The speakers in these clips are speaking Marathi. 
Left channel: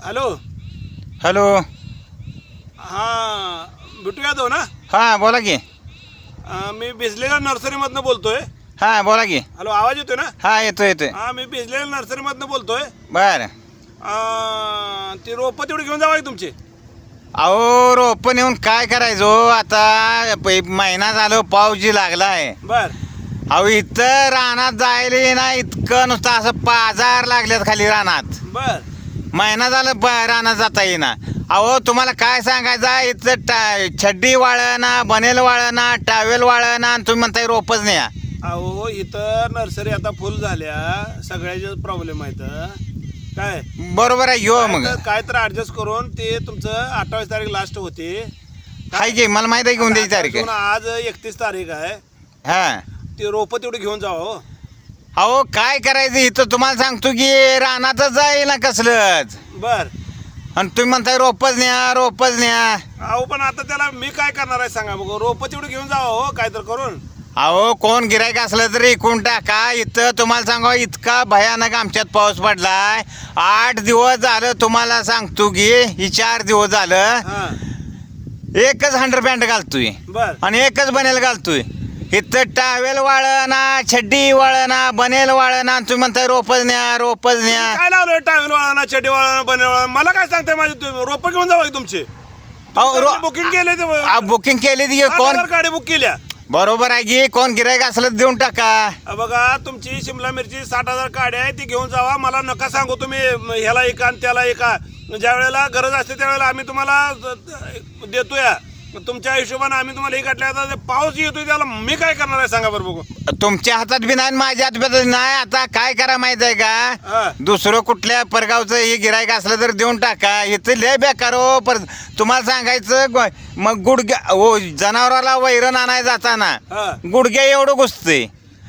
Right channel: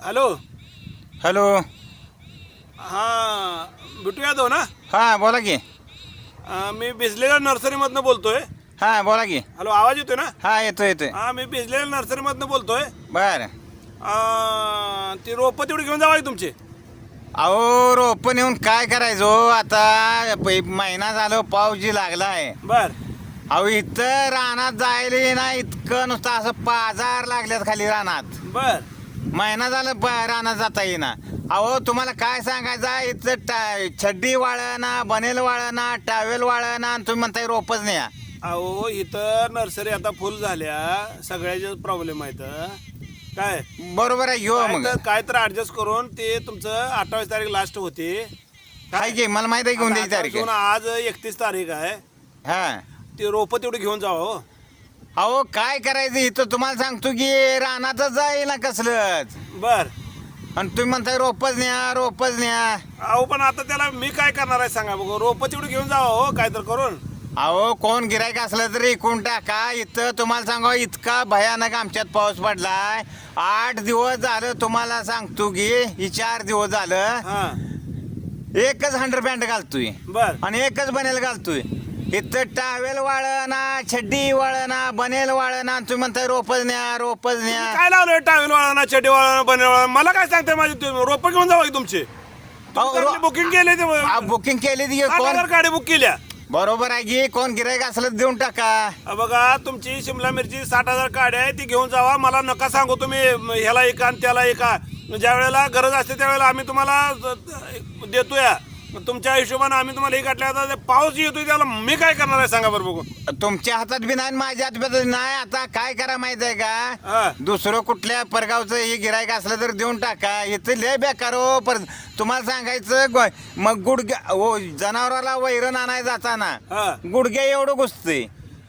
हॅलो. हॅलो. हां बिटू यादव ना. हां बोला की. मी भिजलेल्या नर्सरीमधनं बोलतोय. हां बोला की. हॅलो आवाज येतोय ना. हां येतोय येतोय. हां मी भिजलेल्या नर्सरीमधनं बोलतोय. बर. ती रोपं तेवढी घेऊन जावा की तुमची. अहो रोपं नेऊन काय करायचो आता महिना झालं पाऊस जी लागलाय. बर अहो इथं रानात जायला ना इतकं नुसतं असं पाजार लागल्यात खाली रानात. बर महिना झालं रानात जाता येईना. अहो तुम्हाला काय सांगायचं इथं छड्डी वाळना बनेल वाळना टावेल वाळना आणि तुम्ही म्हणताय रोपच नाही. अहो इथं नर्सरी आता फुल झाल्या सगळ्याचे प्रॉब्लेम आहेत. काय बरोबर आहे घेऊ मग. काय तर ऍडजस्ट करून ते तुमचं 28 तारीख लास्ट होती. काय की मला माहिती आहे घेऊन द्यायची तारीख आहे. आज 31 तारीख आहे. हां ते रोपं तेवढी घेऊन जावं हो. अहो काय करायचं इथं तुम्हाला सांगतो की रानातच जाईल ना कसलंच. बर आणि तुम्ही म्हणताय रोपच न्या रोपच न्या. अहो पण आता त्याला मी काय करणार आहे सांगा बघ. रोपं तेवढी घेऊन जावं हो काय तर करून. अहो कोण गिरायक असलं तरी इकून टाका. इथं तुम्हाला सांगा इतका भयानक आमच्यात पाऊस पडलाय. 8 दिवस झालं तुम्हाला सांगतो की ही 4 दिवस झालं हा एकच हंडरपॅन्ट घालतोय बर आणि एकच बनेल घालतोय. इथं टावेल वाळना छड्डी वाळना बनेल वाळना तुम्ही म्हणताय रोपच न्या रोपच न्या. काय लावलंय टावेल वाळा चेटी वाळा बने वाळा. मला काय सांगताय माझी रोपं घेऊन जावं की तुमची. बुकिंग केले ते बुकिंग केली ती कोण गाडी बुक केल्या. बरोबर आहे की कोण गिरायक असलं तर देऊन टाका. बघा तुमची शिमला मिरची 60,000 काड्या आहे ती घेऊन जावा. मला नका सांगू तुम्ही ह्याला एका आणि त्याला एका. ज्या वेळेला गरज असते त्यावेळेला आम्ही तुम्हाला देतोय. तुमच्या हिशोबाने आम्ही तुम्हाला हे काढले. आता पाऊस येतोय त्याला मी काय करणार आहे सांगा बरं बघू. तुमच्या हातात बी नाही माझ्या हातात बी नाही. आता काय करा माहित आहे हा. का दुसरं कुठल्या परगावचं हे गिरायक असलं तर देऊन टाका. इथं लय बेकार हो. पर तुम्हाला सांगायचं मग गुडघ्या हो जनावराला वैरण आणायला जाताना हा. गुडघ्या एवढं घुसते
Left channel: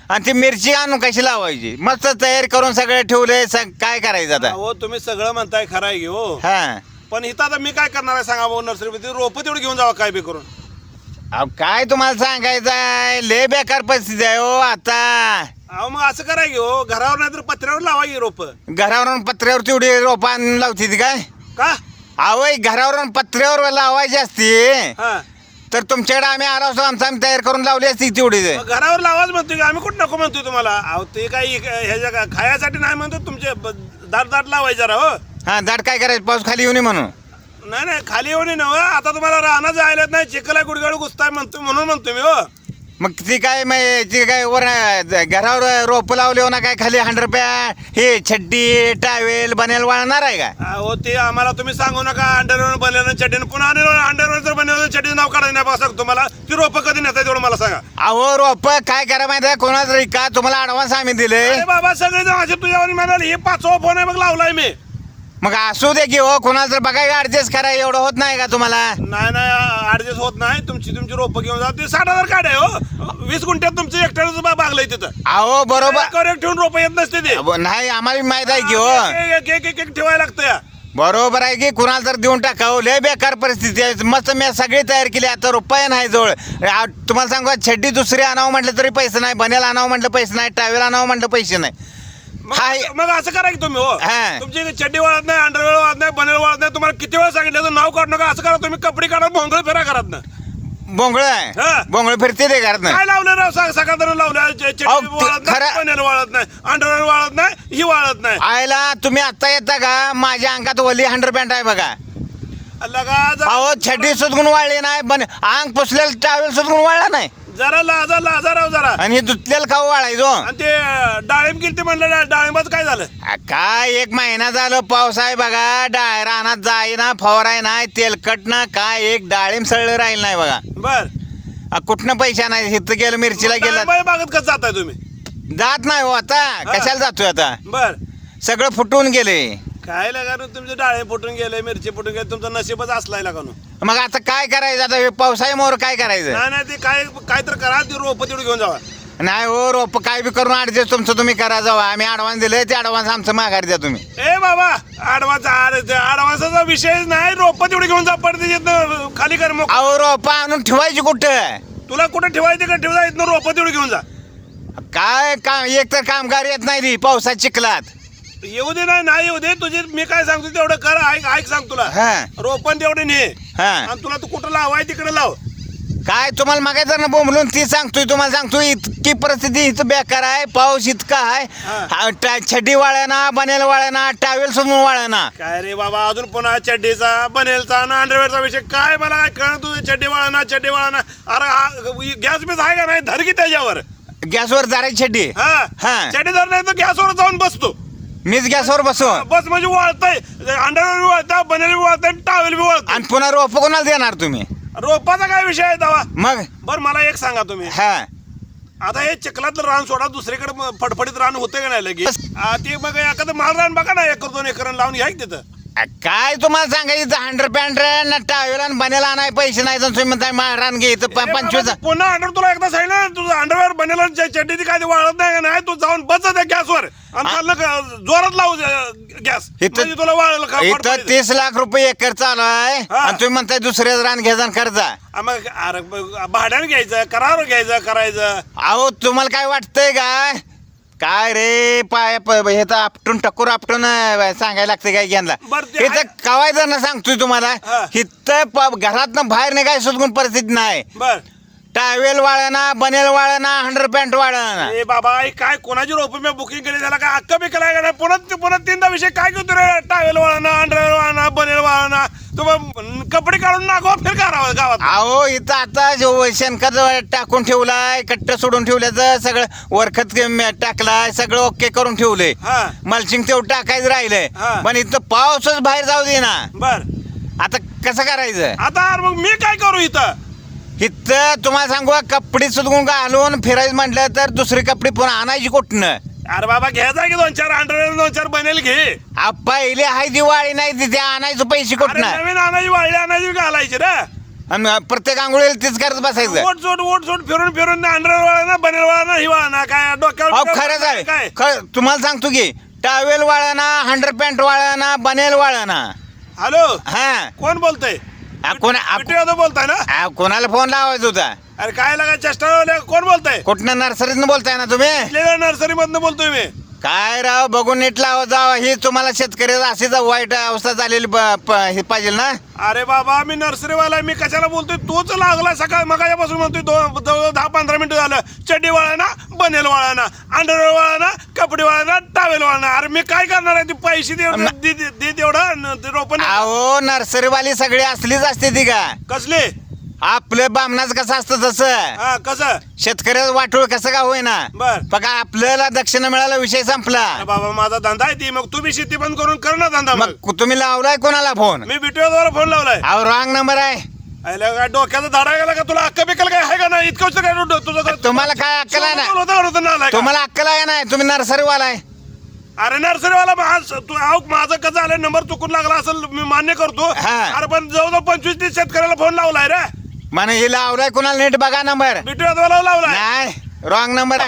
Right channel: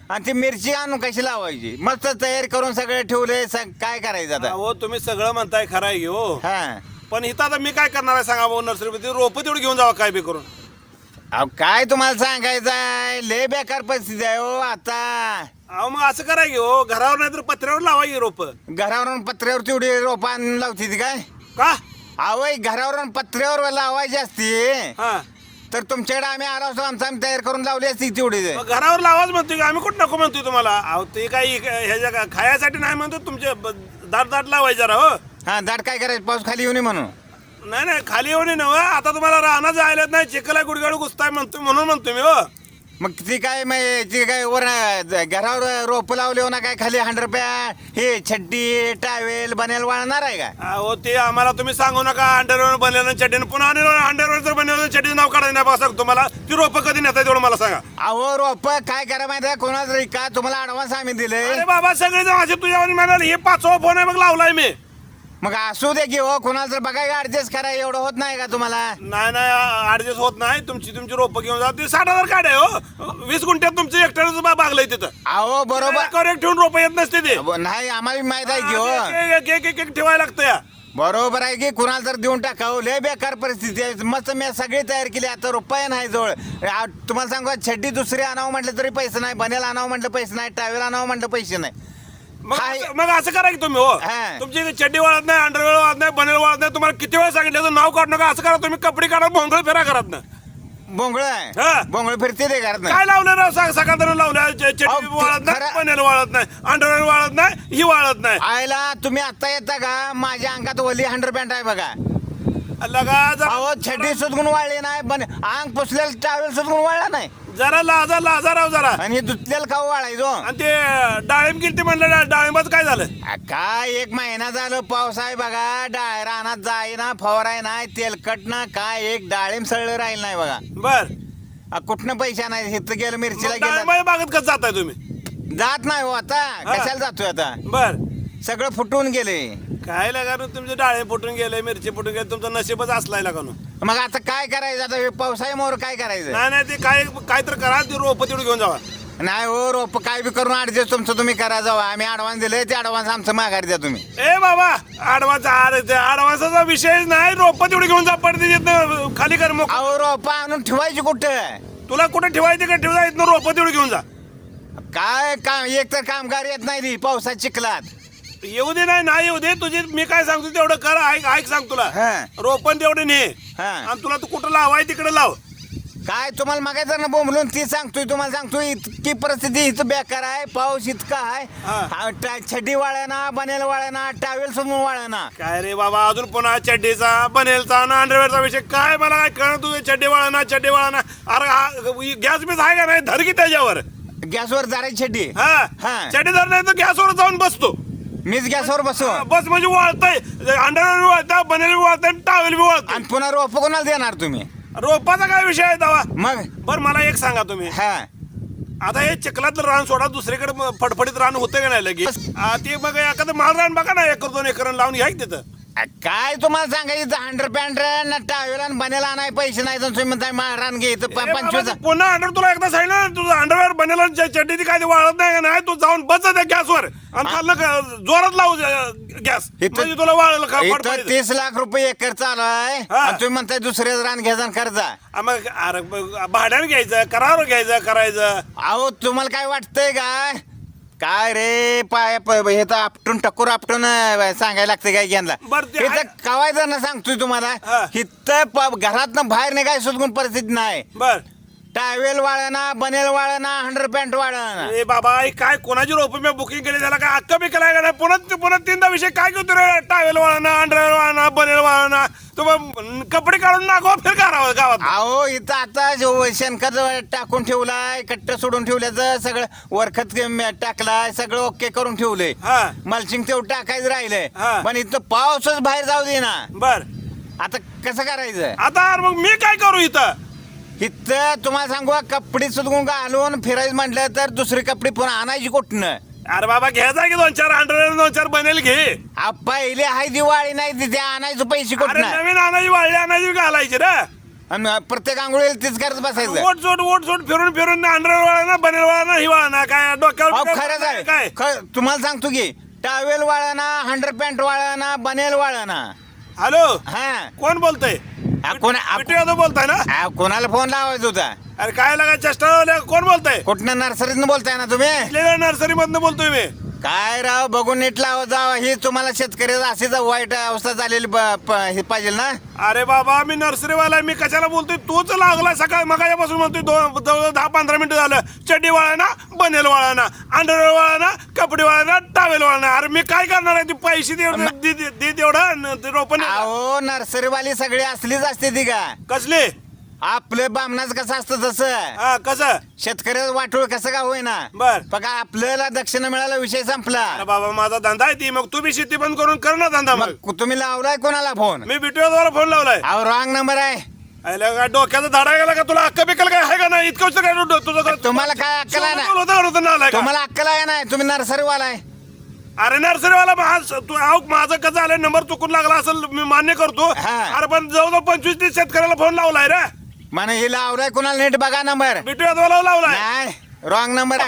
आणि ती मिरची आणून कशी लावायची. मस्त तयार करून सगळं ठेवलंय. काय करायचं आता. हो तुम्ही सगळं म्हणताय खरं आहे हो. हा पण इथं आता मी काय करणार आहे सांगा भाऊ. नर्सरीमध्ये रोपं तेवढी घेऊन जावा काय बी करून. अहो काय तुम्हाला सांगायचं आहे लय बेकार परिस्थिती आहे हो आता. अहो मग असं करा की हो. घरावर नाही तर पत्र्यावर लावा की रोपं. घरावरून पत्र्यावर तेवढी रोपं आणून लावती ती काय. का अहो घरावरून पत्र्यावर लावायची असती हा तर तुमच्याकडे आम्ही आलो असतो. आम्ही तयार करून लावली असती तेवढी. मग घरावर लावाच म्हणतोय की आम्ही कुठं नको म्हणतोय तुम्हाला. अहो ते काही ह्याच्या खायासाठी नाही म्हणतो. तुमचे दाट लावायचे जरा हो. हा दाट काय करायचं पाऊस खाली येऊ नये म्हणून. नाही नाही खाली येऊन नव. आता तुम्हाला राहणं जायला नाही चिखला गुडगाडू घुसताय म्हणतो म्हणून म्हणतो मी हो. मग ती काय ती काय वर घरावर रोप लावले हो ना काय खाली 100 रुपया हे छड्डी टावेल बनेल वाळणार आहे का. अहो ते आम्हाला तुम्ही सांगू नका. अंडरवर बनलेलं चड्डीनं पुन्हा अंडरवर जर बनवलं चड्डी नाव काढायला नाही बघा तुम्हाला. ती रोपं कधी नेताय तेवढं मला सांगा. अहो रोप काय करा माहिती आहे कोणाच का तुम्हाला ऍडव्हान्स आम्ही दिले. अरे बाबा सगळे जण असे तुझ्यावर म्हणाले. हे 5वा फोन आहे मग लावलाय मी. मग असू दे की हो कोणाचं तर बघा ऍडजस्ट करा. एवढं होत नाही का तुम्हाला. नाही ऍडजस्ट होत नाही. तुमची रोपं घेऊन जा. ते 60,000 काढे हो. 20 गुंठ्यात तुमचं एकट्याच बागलंय तिथं. अहो बरोबर एक ठेवून रोपं येत नसते ते. नाही आम्हाला माहित आहे की हो. एक ठेवायला लागतं या. बरोबर आहे की कुणाला तर देऊन टाकावं. लय बेकार परिस्थिती आहे. मस्त मी सगळी तयार केली. आता रुपया नाही जवळ. तुम्हाला सांगू छड्डी दुसरी आणावं म्हटलं तरी पैसे नाही. बनेल आणावं म्हटलं पैसे नाही. टावेल आणावं म्हटलं पैसे नाही. मग असं करा की तुम्ही हो. हा. तुमची चड्डी वाळत नाही अंडरवेळ वाळत नाही बनेल वाळत नाही. तुम्हाला किती वेळ सांगितलं नाव काढू नका. असं करा तुम्ही कपडे काढा भोंगळ फेरा करत ना. बोंगळ हा. आहे बोंगळ फिरते ते घरात काय लावलं राव सकाळ लावलं. चड्डी वाळत नाही खरं- बनेल वाळत नाही अंडरवेळ वाळत नाही ही वाळत नाही. आयला तुम्ही आता येता का माझ्या अंगात वली 100 पॅन्ट आहे बघा. लगा अहो छड्डी सुधगुण वाळली नाही. अंग पुसलेलं टावेल सुधगुण वाळला नाही. जरा लाजा राव जरा. आणि धुतलेलं खाऊ वाळायचो. आणि ते डाळिंब किती म्हणलं डाळिंबाचं काय झालं. काय 1 महिना झालं पाऊस आहे बघा. रानात जाई ना फवाराय नाही तेलकट ना काय एक डाळिंब सळलं राहील नाही बघा. बर कुठनं पैसा नाही. इथं गेलं मिरचीला गेलं डाळिंबाच्या बागेत कसं जाताय तुम्ही. जात नाही हो आता. कशाला जातोय आता. बर सगळं फुटून गेले. काय लगा तुमचे डाळे फुटून गेले मिरची फुटून गेले. तुमचं नशीबच असलाय लगा. मग आता काय करायचं. आता पावसाळ्यामुळे काय करायचं. नाही ते काय तर करा. ती रोपं तेवढी घेऊन जावा. नाही हो रोप काय बी करून ऍडजस्ट तुमचं तुम्ही करा जावा. आम्ही ऍडव्हान्स दिले ते ऍडव्हान्स आमचं माघार द्या तुम्ही. ए बाबा ऍडव्हान्सचा विषयच नाही. रोपं तेवढी घेऊन जा पडते खाली कर. मग अहो रोप आणून ठेवायची कुठं. तुला कुठं ठेवायचं का ठेवता येत रोपं तेवढी घेऊन जा. काय काम एक तर कामगार येत नाही ती पावसात चिखलात. येऊ दे नाही येऊ दे तुझी मी काय सांगतो तेवढं कर. ऐक सांग तुला हा. रोपण तेवढे ने हा. आणि तुला तू कुठं लावाय तिकडे लाव. काय तुम्हाला मागायचं ना बोंबलून ती सांगतोय तुम्हाला सांगतोय इतकी परिस्थिती इथं बेकार आहे. पाऊस इतका आहे. हा. छडी वाळ्याना बनेल वाळ्याना टावेल सोडून वाळ्याना. काय रे बाबा अजून पुन्हा चड्डीचा बनेलचा ना अंडरवेअरचा विषय काय मला काय कळलं तुझे चड्डी वाळा. अरे गॅस बीस आहे का नाही धर की त्याच्यावर. गॅसवर जारायची छडी. हा हा. चड्डी धर नाही तर गॅसवर जाऊन बसतो. मीच गॅसवर बसू बस म्हणजे वाळतंय अंडरवेअर बी वाळतं बनेल बी वाळतंय टावेल बी वाळतं. आणि पुन्हा रोप कोणाला देणार तुम्ही. रोपाचा काय विषय आहे दावा. मग बर मला एक सांगा तुम्ही हा आता हे चिखलातलं रान सोडा दुसरीकडे फडफडीत रान होते का नाही लगेच ते बघ एखादं माल रान बघा ना 1 2 एकर लावून घ्या की तिथं. काय तुम्हाला सांगायचं हंड्रेड पॅन्ट टावेल आणि बनेला नाही पैसे नाही तर तुम्ही म्हणताय रान घे इथं ए बाबा, 25. तू पुन्हा अंडर तुला एकदा सांगितलं ना, तुझं अंडरवेअर बनेल चड्डी ती काय ते वाळत नाही का नाही तू जाऊन बस त्या गॅसवर आणि खाल्लं जोरात लावू गॅस म्हणजे तुला वाळलं का इथं फडफडीत. 30 लाख रुपये एकर चालू आहे हा. आणि तुम्ही म्हणताय दुसऱ्या रान घ्यायचा आणि कर्जा. मग अरे भाड्याने घ्यायचं करार घ्यायचं करायचं. अहो तुम्हाला काय वाटतंय काय रे पाय हे तर आपटून टक्कर आपटून सांगायला लागतं काय घ्यायला. बरं, ते आहे. कवायचं ना सांगतोय तुम्हाला हा. इथं घरात बाहेर नाही काय सुद्धा परिस्थिती नाही. बर टावेल वाळना बनेल वाळना 100 पॅन्ट वाळना. ए बाबा हे काय कोणाची रोप मी बुकिंग केली त्याला काय अक्का बिकला आहे का नाही पुन्हा 3दा विषय काय घेतो रे. टावेल वाळणं अंडरवेअर वाळणं बनेल वाळणं तुम्ही कपडे काढून नागो फिर करावं गावात. अहो इथं आता शेणखत टाकून ठेवलाय कट्ट सोडून ठेवल्याचं सगळं वरखत टाकलाय सगळं ओके करून ठेवलंय. हा मल्चिंग तेवढं टाकायचं राहिलंय हा. पण इथं पाऊसच बाहेर जाऊ दे ना. बर आता कसं करायचं. आता मग मी काय करू इथं. इथं तुम्हाला सांगू कपडे सुद्धा घालून फिरायचं म्हटलं तर दुसरी कपडे पुन्हा आणायची कुठनं. अरे बाबा घ्यायचा की 2-4 अंडरवेअर 2-4 बनेल घे. पहिले हाय दिवाळी नाही तिथे आणायचं पैसे अरे कुठनं. नवीन आणायची वाळली आणायची घालायची रे. आणि प्रत्येक आंघोळीला तीच करत बसायचं. ओट सोट फिरून अंडरवेअर वाळा बनेल वाळा ही वाळा काय अहो डोक्यावर खरंच आहे काय. तुम्हाला सांगतो की टावेल वाळना 100 पॅन्ट वाळना बनेल वाळना. हॅलो हा कोण बोलतय. बोलताय ना. कोणाला फोन लावायचा होता. अरे काय लागा चेष्टा कोण बोलताय. कुठनं नर्सरीतनं बोलताय ना तुम्ही. नर्सरी मधनं बोलतोय मी. काय राव बघून नीट लावा जावा ही तुम्हाला शेतकऱ्याचा अशीच वाईट अवस्था झालेली हे पाहिजे ना. अरे बाबा मी नर्सरीवाला मी कशाला बोलतोय तूच लागला सकाळ मगाच्यापासून म्हणतोय 10-15 मिनिटं झालं चड्डी वाळा बनेल वाळा अंडरवेअर वाळा कपडे वाळा टावेल वाळा. अरे मी काय करणार आहे ते पैसे दे तेवढं रोपण. अहो नर्सरीवाली सगळी असलीच असते ती का. कसले आपलं बामणाच कसं असतं तसं हा कसं शेतकऱ्याचं वाटोळ कसं का होईना. बर बघा आपल्याला दक्षिणा मिळाला विषय संपला. अरे बाबा माझा धंदा आहे ती मग तुम्ही शेती बंद करून कर ना धंदा. मग मग तुम्ही लावलाय कोणाला फोन. मी बिटूला फोन लावलाय. अहो रॉंग नंबर आहे. अरे काय डोक्याचा धाडा गेला का तुला अक्का बिकल काय आहे का नाही इतकं काय तुझं तुम्हाला काय अक्कल आहे ना. तुम्हाला तुम्हाला अक्कल आहे नाही तुम्ही नर्सरीवाला आहे. अरे नर्सरीवाला माझं कसं आलं नंबर चुकून लागला असेल मी मान्य करतो. हा. अरे पण जवळजवळ 25-30 शेतकऱ्याला फोन लावलाय रे. म्हणे हे लावलाय कोणाला नीट बघा नंबर. बिटू यादवाला लावलाय. नाही रॉंग नंबर.